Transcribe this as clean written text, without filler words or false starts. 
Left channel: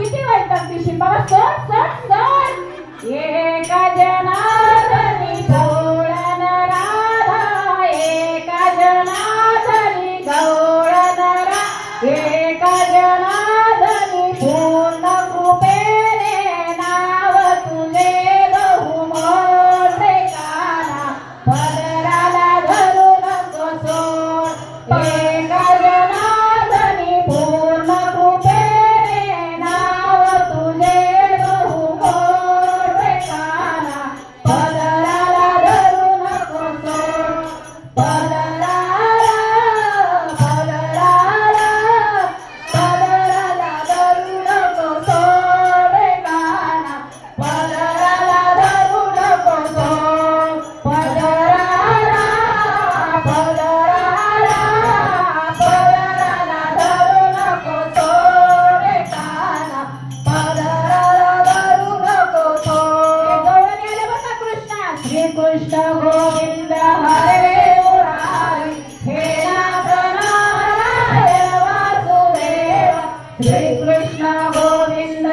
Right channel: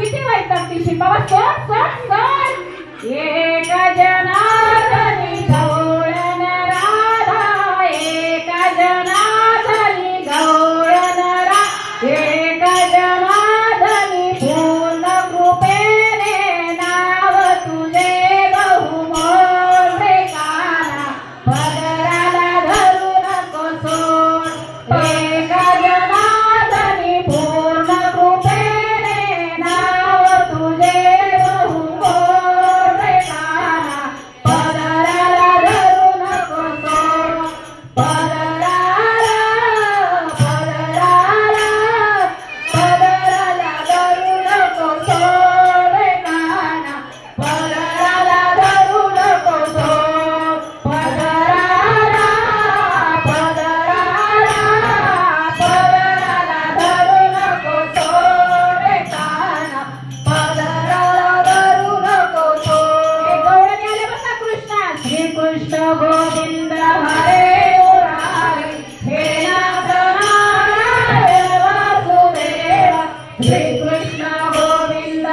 किती वाईट लागते शिपावा सोड सोड सोड एक जनार्दनी गवळण राधा एक जनार्दनी गवळण राधा एक जनार्दनी पूर्ण कृपेने नाव तुझे बहुमोठे काना पदराला धरू नको सोड एक जनार्दनी पूर्ण कृपेने नाव तुझे बहुमोठे काना पदराला धरू नको सोड पदराला धरू नको सोड काना पदराला धरू नको सोड पदराला धरू नको सोड काना पदराला धरू नको सोड गवळणी आले बघा कृष्णा श्री कृष्ण गोविंद हरे मुरारी हे नाथ नारायण वासुदेव श्री कृष्ण गोविंद